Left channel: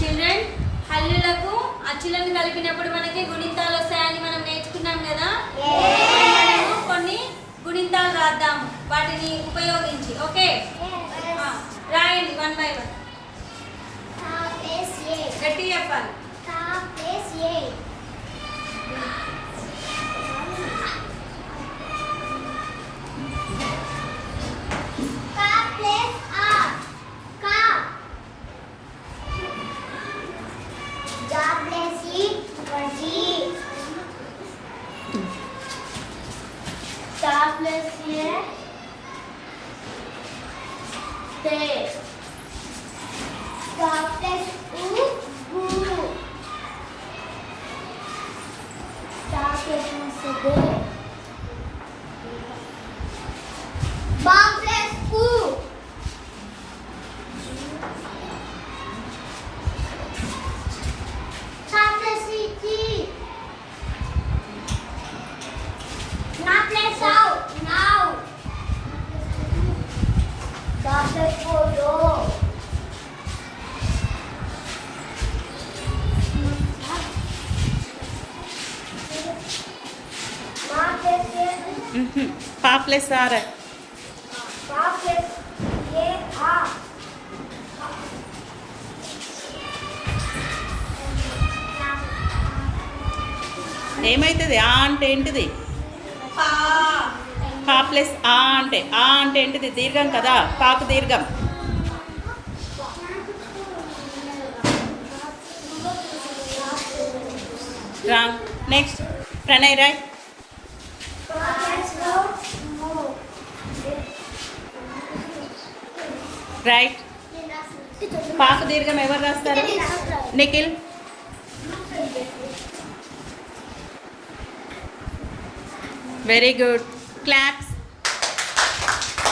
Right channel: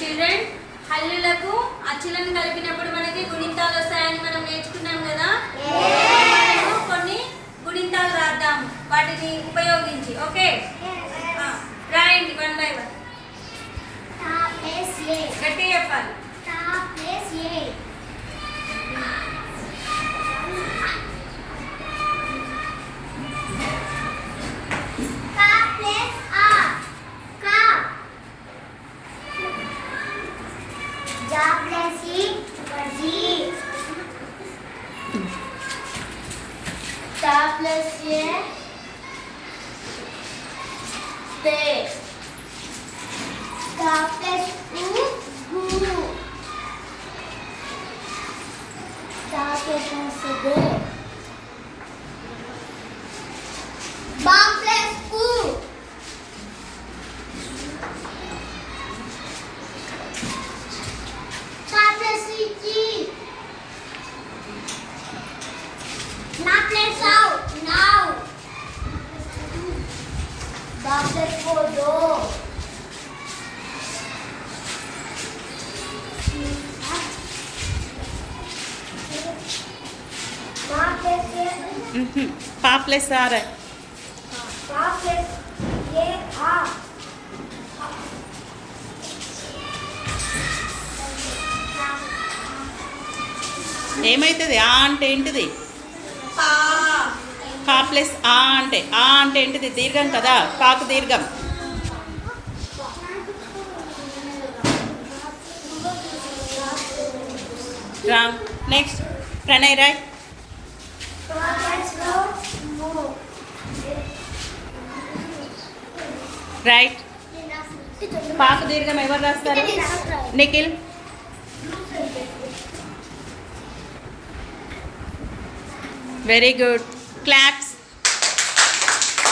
చిల్డ్రన్, హల్లులకు అచ్చులను కలిపినప్పుడు మనకి గుణింతాలు వస్తాయని మనం నేర్చుకున్నాం కదా. మనము కొన్ని గుణింతాలు రాద్దాము వాటిని ఉపయోగించి. ఓకే, రాయండి వన్ బై వన్. గట్టి చెప్పాలి. पा प्लस आर है. ఏమైతుంది ఆ అంటే ఏంటిది? పా ప్లస్ ఆ అంటే ఏంటిది? దీర్ఘం కదా, పాకు దీర్ఘం. Wrong. Next Pranay Roy. Right. పాకు దీర్ఘం ఎవరు రాస్తారు? నిఖిల్. Very good. క్లాప్స్.